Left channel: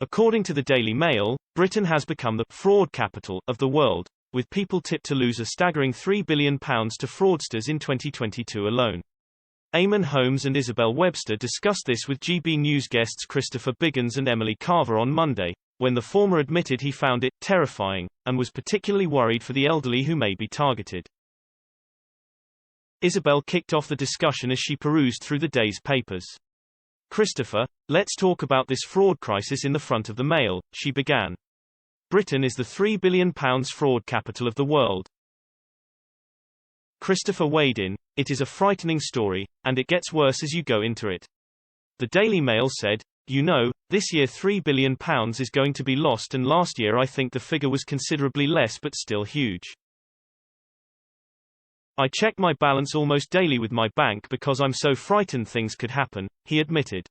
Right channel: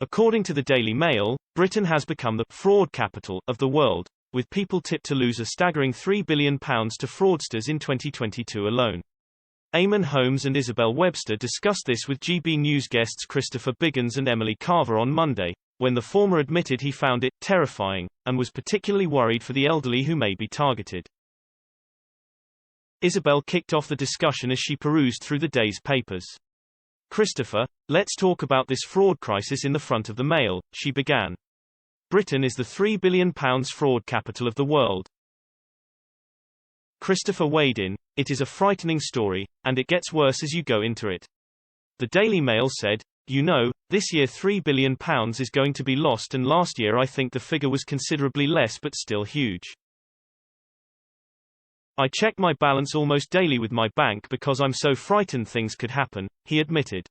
According to the Daily Mail, Britain has become the fraud capital of the world, with people tipped to lose a staggering £3 billion to fraudsters in 2022 alone. Eamonn, Holmes and Isabel Webster discussed this with GB News guests Christopher Biggins and Emily Carver on Monday, when the former admitted he found it terrifying, and was particularly worried for the elderly who may be targeted. Isabel kicked off the discussion as she perused through the day's papers. "Christopher, let's talk about this fraud crisis in the front of the Mail," she began. "Britain is the £3 billion fraud capital of the world." Christopher weighed in. "It is a frightening story, and it gets worse as you go into it." The Daily Mail said, "You know, this year £3 billion is going to be lost, and last year I think the figure was considerably less but still huge. I check my balance almost daily with my bank because I'm so frightened things could happen," he admitted.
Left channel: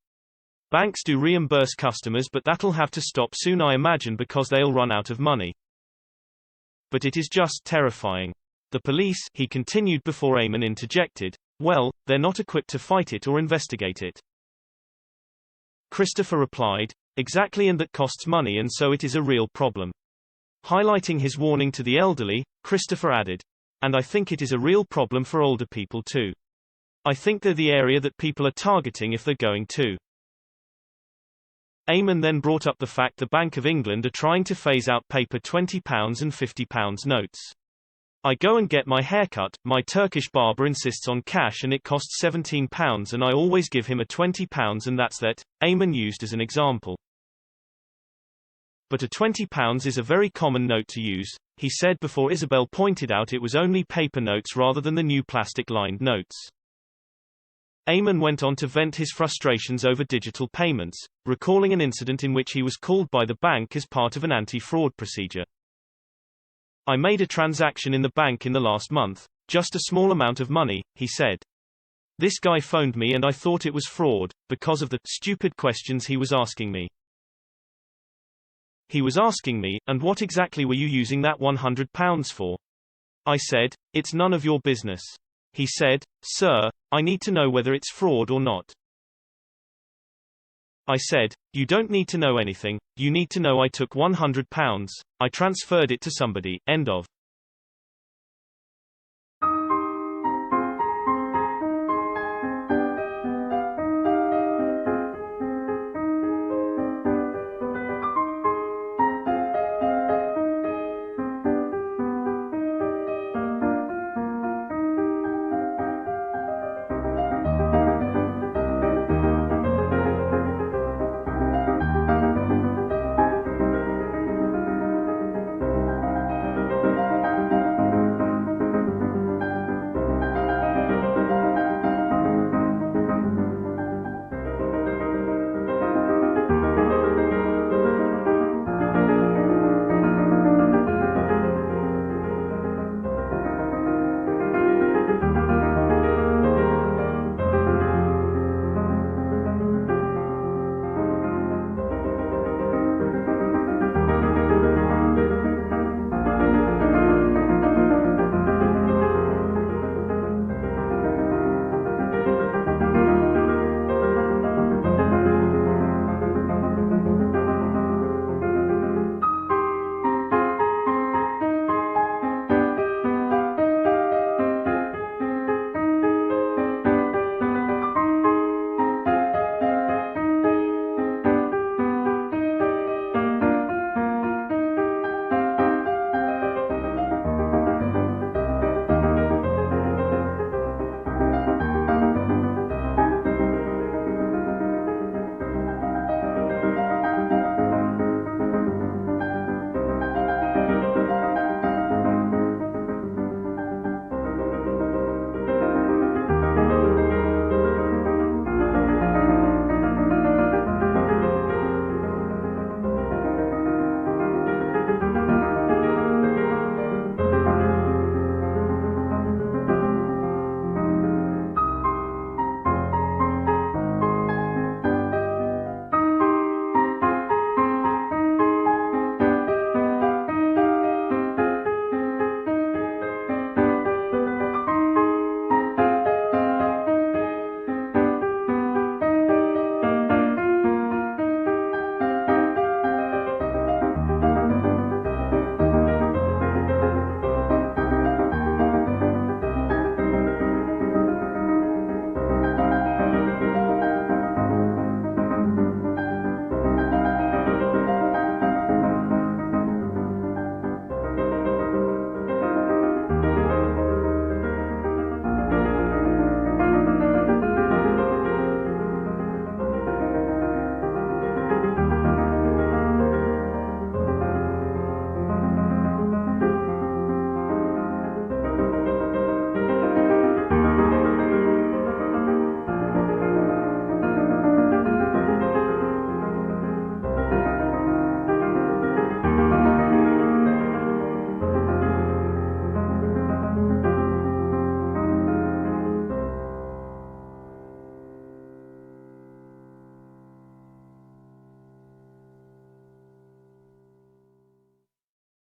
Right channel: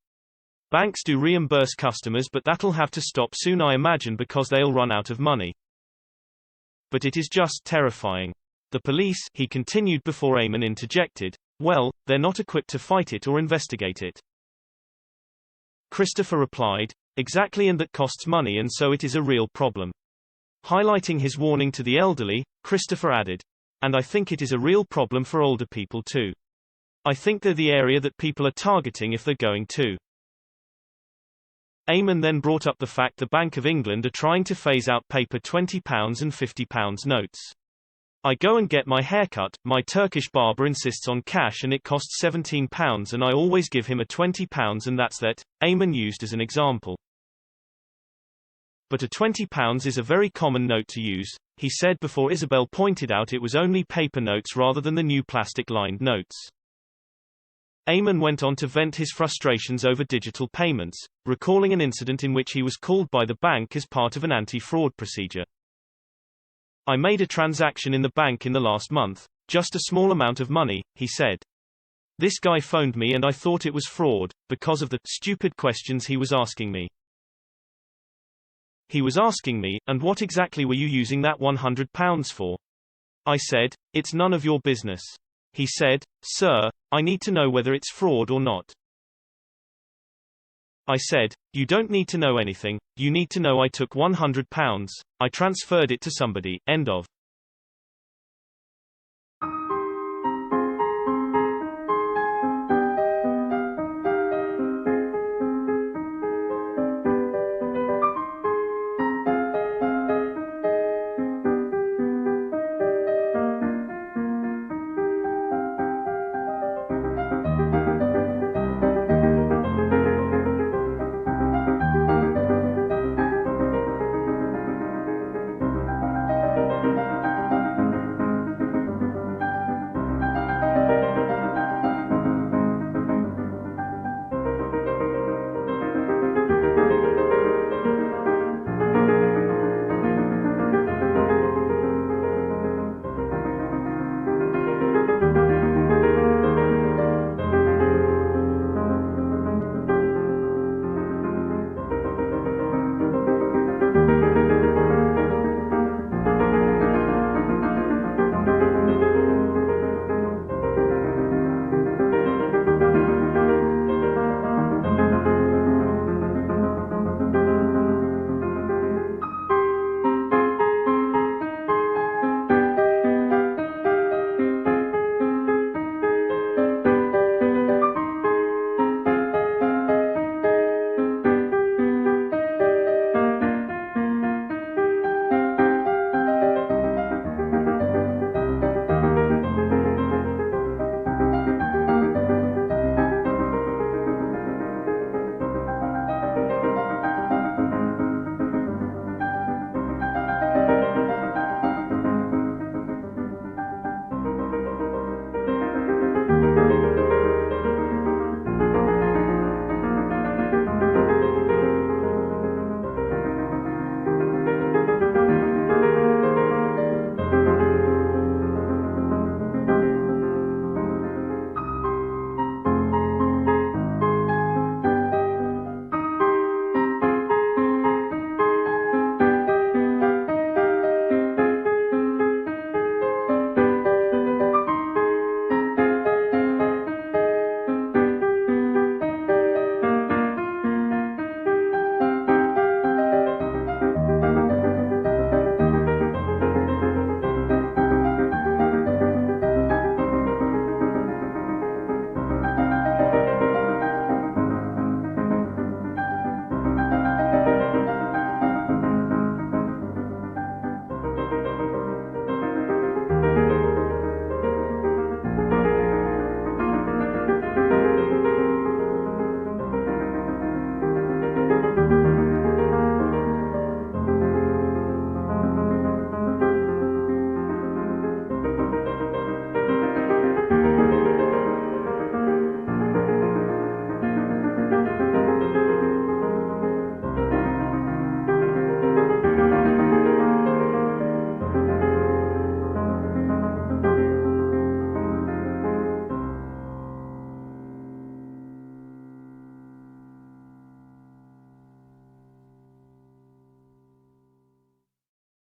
"Banks do reimburse customers, but that'll have to stop soon, I imagine, because they'll run out of money. But it is just terrifying. The police," he continued before Eamonn interjected, "well, they're not equipped to fight it or investigate it." Christopher replied, "Exactly, and that costs money, and so it is a real problem." Highlighting his warning to the elderly, Christopher added, "And I think it is a real problem for older people too. I think they're the area that people are targeting if they're going to." Eamonn then brought up the fact the Bank of England are trying to phase out paper £20 and £50 notes. "I go and get my haircut, my Turkish barber insists on cash and it costs £17 and I always give him a £20 and that's that," Eamonn used as an example. "But a £20 is a very common note to use," he said before Isabel pointed out it was only paper notes rather than the new plastic-lined notes. Eamonn went on to vent his frustrations over digital payments, recalling an incident in which he was called by the bank as part of an anti-fraud procedure. "I made a transaction in the bank in the last month, just a small amount of money," he said. "This guy phoned me and I thought it was fraud, because of the stupid questions he was asking me. He was asking me, 'And what exactly were you using that £100 for?' I said, 'It's none of your business.' He said, 'Sir, I need to know whether it's fraud or not.' I said, 'You don't need to know anything, you need to know I took £100, I transferred it to somebody," end of.